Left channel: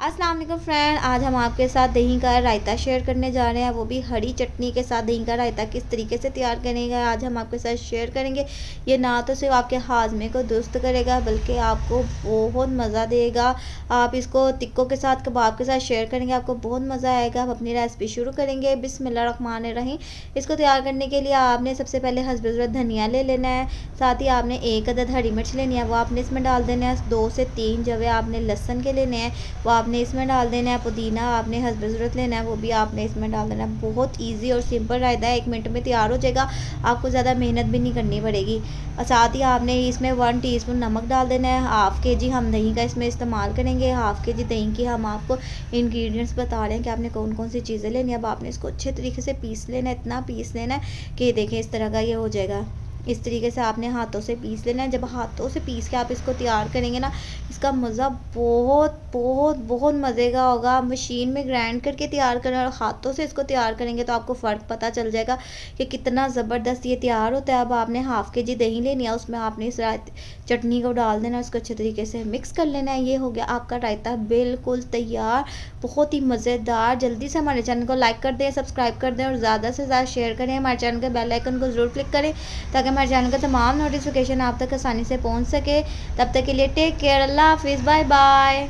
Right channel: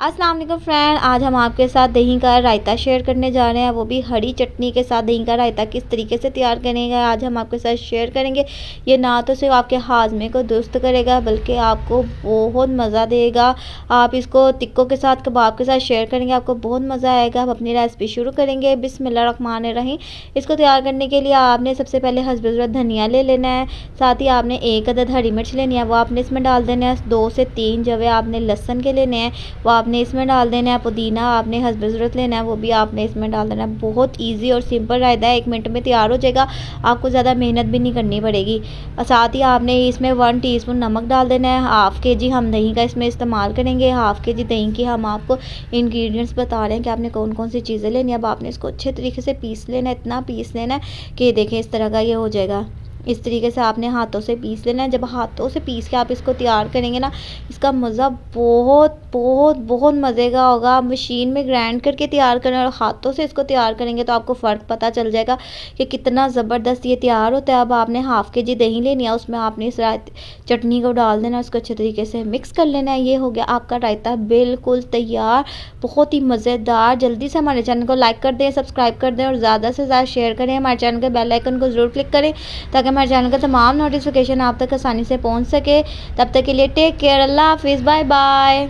अस्सलाम वालेकुम फ्रेंड, आज हम आपके साथ दही का रायता शेयर करने जा रहे हैं, वो भी हरी चटनी के साथ। दही का रायता किस तरीके से तैयार करेंगे आज हम आपके साथ शेयर करेंगे। ये ना तो सिर्फ आपके हाजमे को दुरुस्त करेगा बल्कि आपको बहुत मज़ा देगा। आप इसको टिक्कों के साथ, कबाब के साथ शेयर करेंगे, आपको बहुत मज़ा आएगा। हम अपनी रेसिपी शुरू करेंगे। बिस्मिल्लाहिर्रहमानिर्रहीम। इसको तैयार करने के लिए आपने सबसे पहले हस्ब ज़रूरत धनिया ले लेना है। साथ ही आपने 1 अदद हरी मिर्च लेनी है, वो आपने इसमें डाल देना है। 2 से 3 जवे आपने लहसुन के लेने हैं, वो आपने इसमें डाल देना है। पुदीना आपने हस्ब ज़रूरत लेना है, वो भी आपने इसमें डाल देना है। बहुत इजी और सिंपल रायता है, 1 मिनट में तैयार हो जाएगा। आपको ज़्यादा मेहनत भी नहीं करनी पड़ेगी। और साथ ही आपने इसमें 1 टीस्पून नमक डाल देना है। हाफ़ के जी हम दही का इसमें इस्तेमाल करेंगे। हाफ़ के जी दही की हम आपको इंग्रेडिएंट्स बता रहे हैं कि आपने कौन कौन सी चीज़ें लेनी है। अब आपने इसको अच्छे तरीके से पीस लेना है, इतना पीस लेना है कि देखें इस तरह का ये हो जाएगा। इस तरीके से आपने हाथों से पीस लेना है। जब हाथों से पीस के आप इसको तैयार करेंगे ना, इसका मज़ा बहुत बहुत बहुत मज़े का होगा। आप मशीन में ग्राइंड करके तैयार करें और हाथों से इसको तैयार करेंगे तो आपको फ़र्क पता चल जाएगा कि कितना ज़बरदस्त ये तैयार होता है। अब आपने हाफ़ के जी दही लेनी है, उसमें आपने इस चटनी को डाल देना, उसको अच्छे तरीके से मिक्स कर लेना है। ये हो गया आपका रायता बिल्कुल तैयार, बहुत ही मज़ेदार। जल्दी से हमारे चैनल को लाइक कर दें, सब्सक्राइब कर दें और ज़्यादा से ज़्यादा शेयर करें। हमारे चैनल के बेल आइकन को ज़रूर क्लिक करें ताकि हमारे चैनल का तमाम नोटिफिकेशन आप तक आसानी से पहुंच सके। तब तक के लिए टेक केयर, अल्लाह हाफिज़, बाय बाय।